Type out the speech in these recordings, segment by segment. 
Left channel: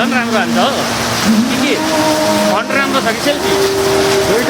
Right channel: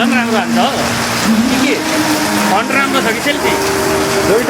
झन् राम्रो हान्छ हो के फन्ट राम्रो छ कि सेल्फी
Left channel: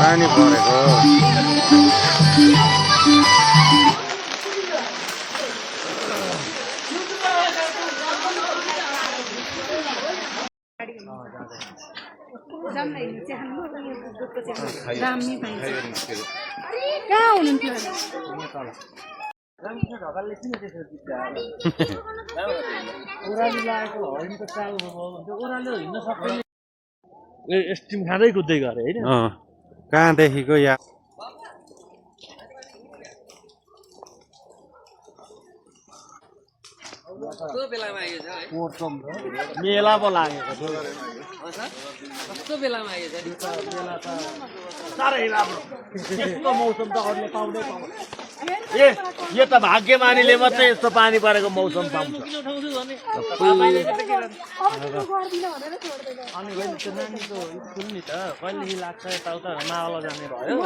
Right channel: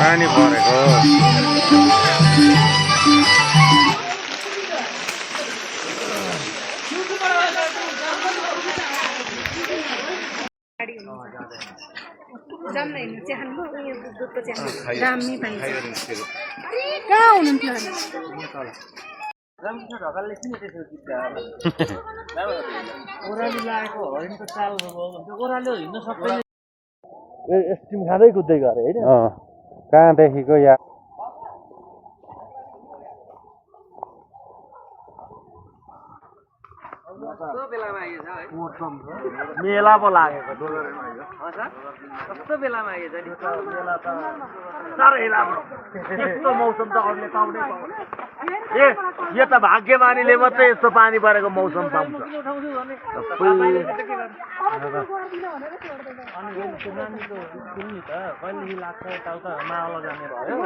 पानी परेको ओह्रालो लागेको हरिणको चाल ओह्रालो हिँड्न सक्दैन स्टिम खाँदै कुद्दै गरे होइन कहाँदेखिको या मेला पो लागेको कस्तो बेलामा आइएछ नि बेला त साह्रै राम्रो यस्तो मौसम त अरूले पाउँदै पाउँदैन यो त भाग्यमानीले मात्रै यस्तो पानी परेको मौसम पाउँछ अनि त्यो नानीको स्कुल नि त कहिलेदेखि लाग्छ यताउता मावल जाने भयो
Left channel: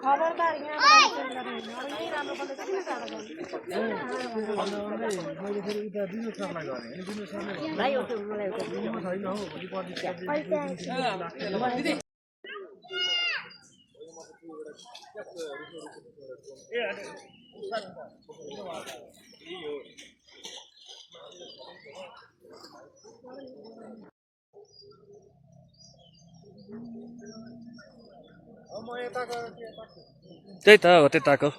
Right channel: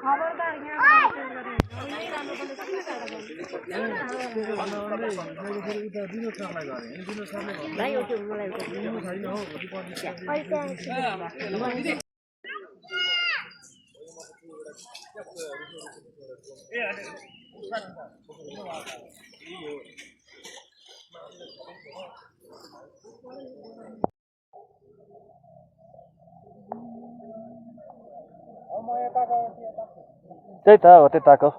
खबरदार त्यही त हो त्यताको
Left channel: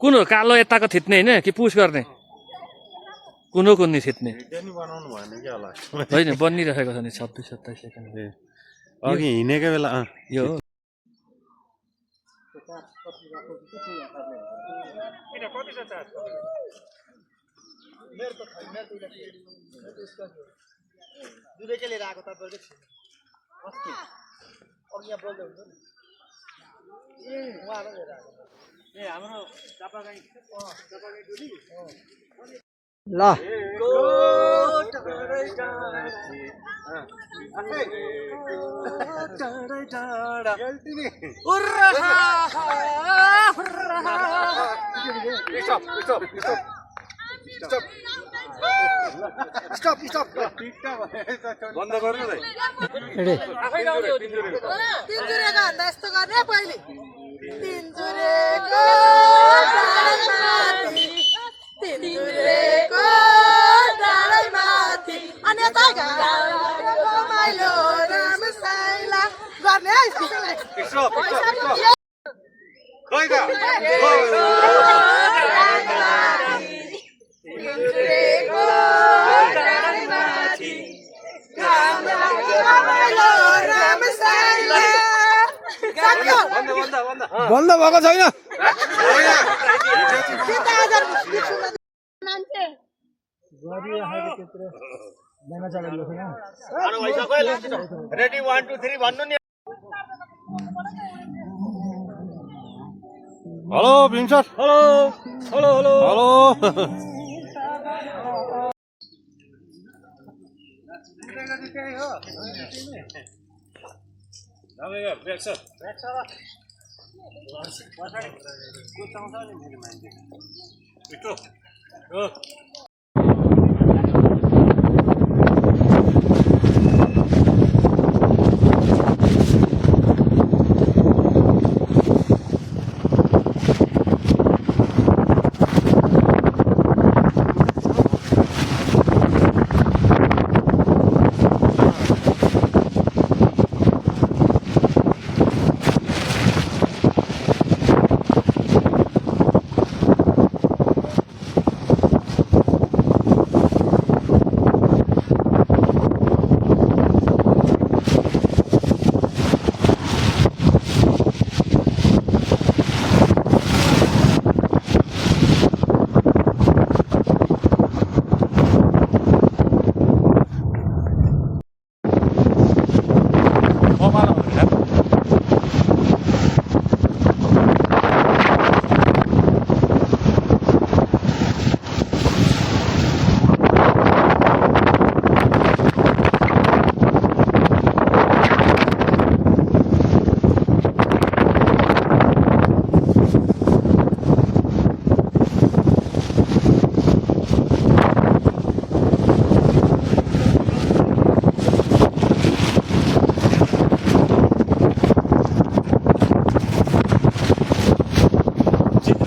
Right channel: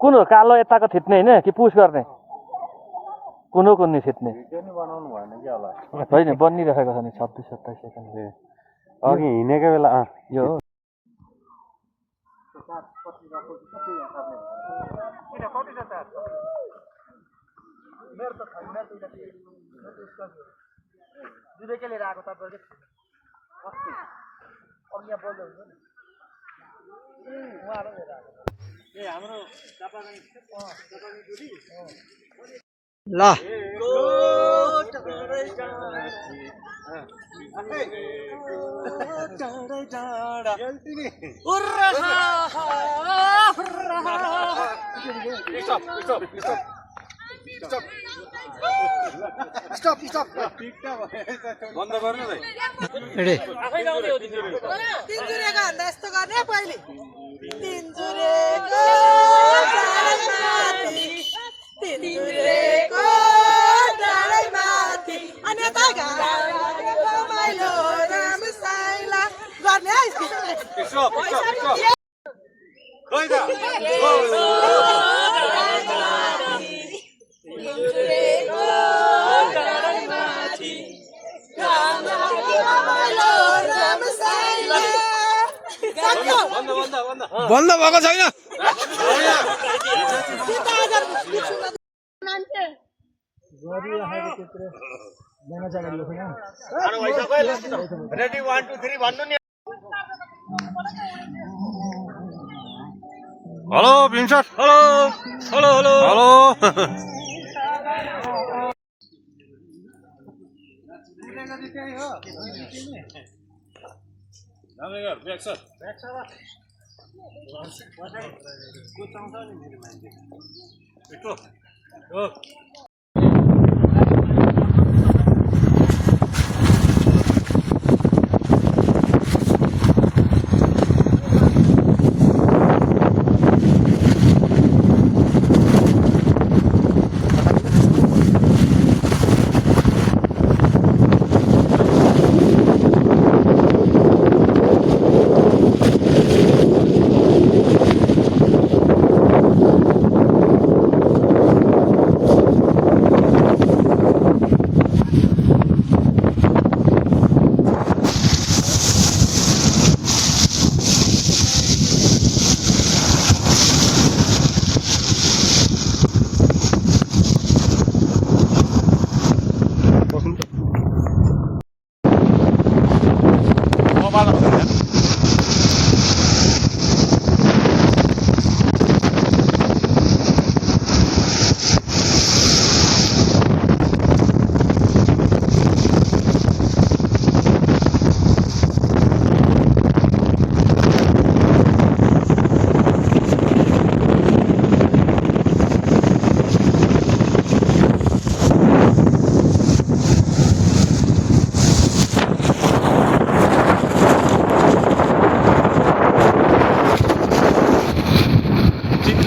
कुन हो कालो यताको थिच्ने होइन कि पुस गर्ने कुन हो कुन थिच्ने होइन बनिरहेको छ नि 26-27 सेकेन्ड अघि हिँडेको बेला यो लिएर आएको हाम्रो ल बन्द गर्नु तिनजुरेको भन्दा यस्तो गर्ने पहिले तिनजुरेको डाँडैमाथि अनि यता माइलो राम साइला गर्ने बन्द भएको छैन रेडी 1 2 3 भन्नु नि hello Bhim sir hello hello hello hello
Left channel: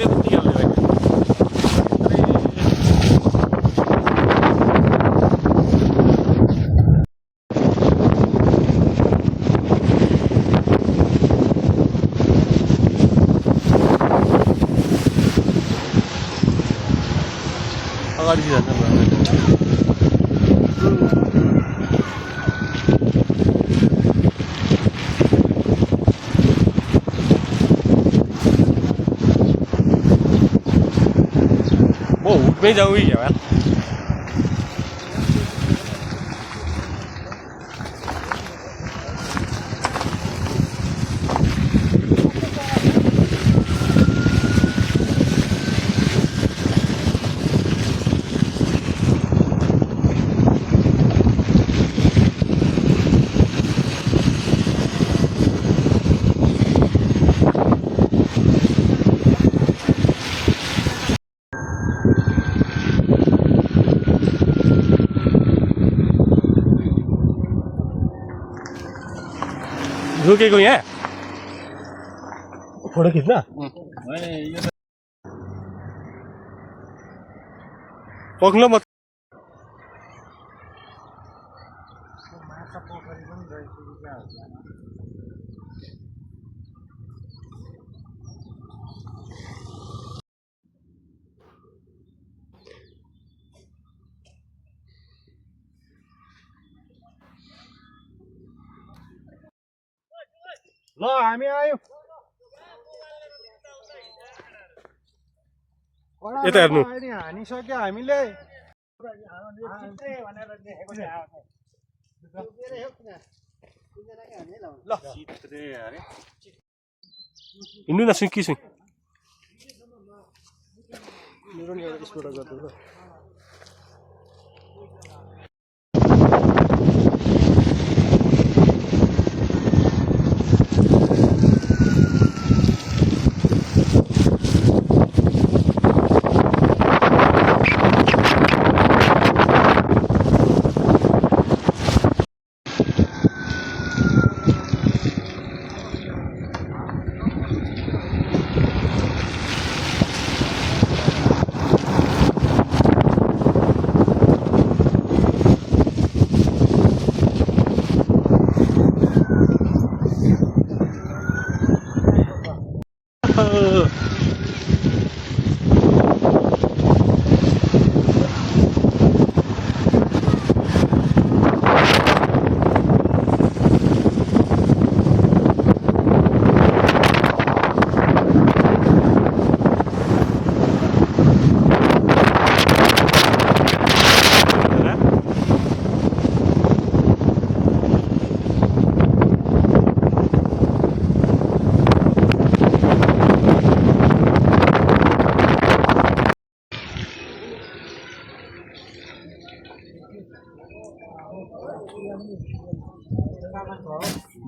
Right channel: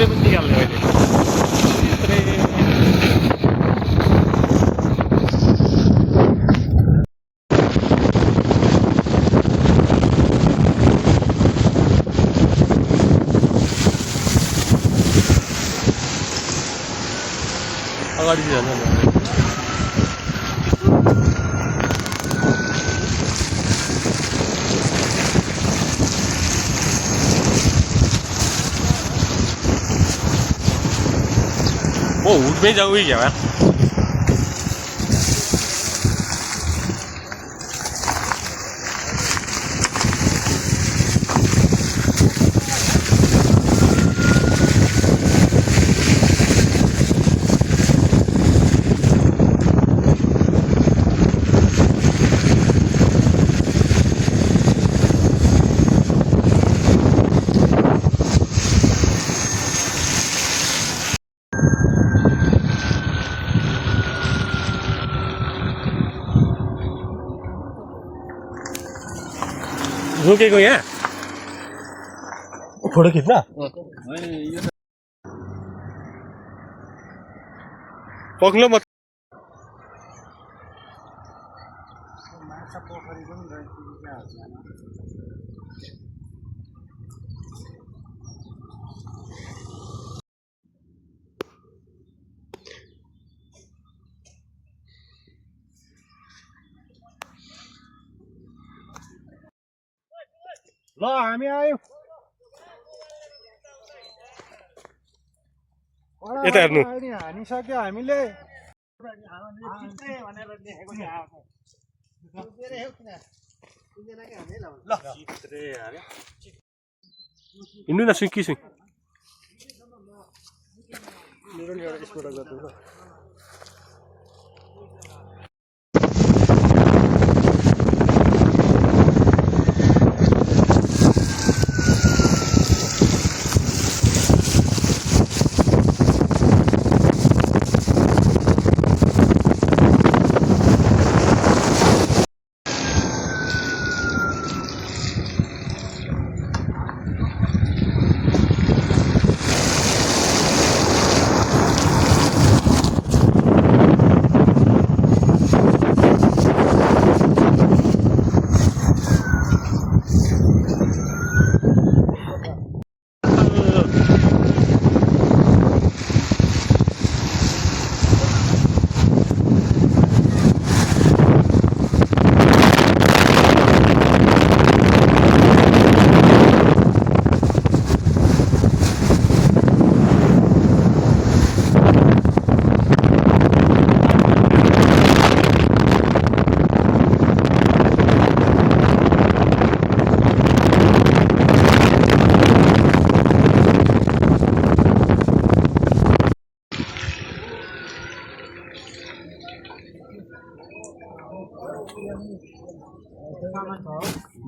अहिले पनि निकाल्ने अहिले अगाडि जान्छ वो हुट में जाऊँगी क्या यार रुकेको यहाँ फोटो खिच्न पक्लो मत ल हामी आयौँ यता हेर्नु हानिसक्यो हामीले हिँड्नु न सुइँ कि सुइँ मेरो नि एउटा स्पोर्ट गर्नु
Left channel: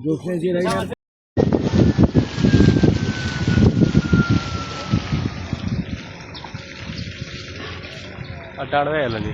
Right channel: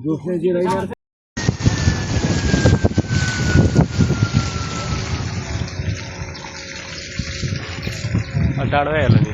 दूसरे जी रही है अड्डाडवे होला नि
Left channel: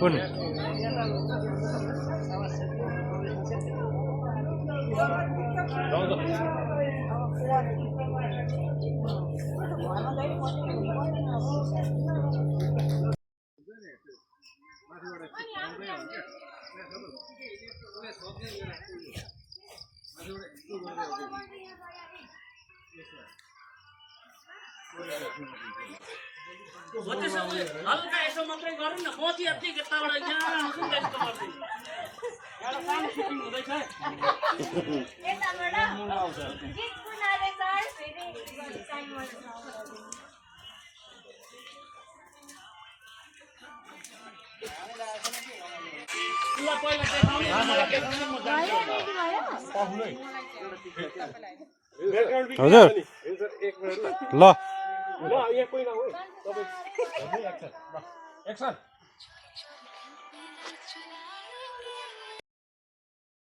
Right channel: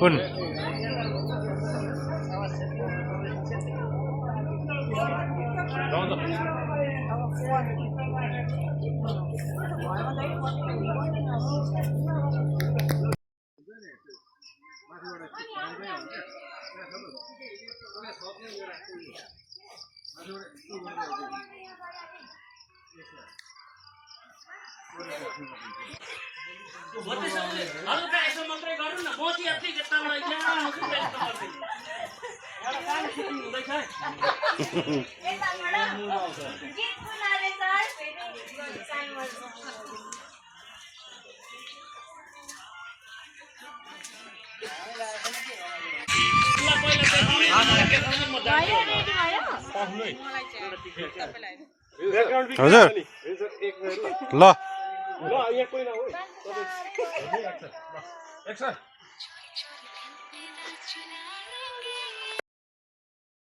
कुन हल्का यसो मात्रै गरौँ न मोती अति जताबाट यहाँ सुन्दै यस्तो गर्दिनु एउटा काम सुटिङ हुँदैछ गीत सुनारे सर फेरि हजुर ल ल यहाँ कोही नहो है तपाईँ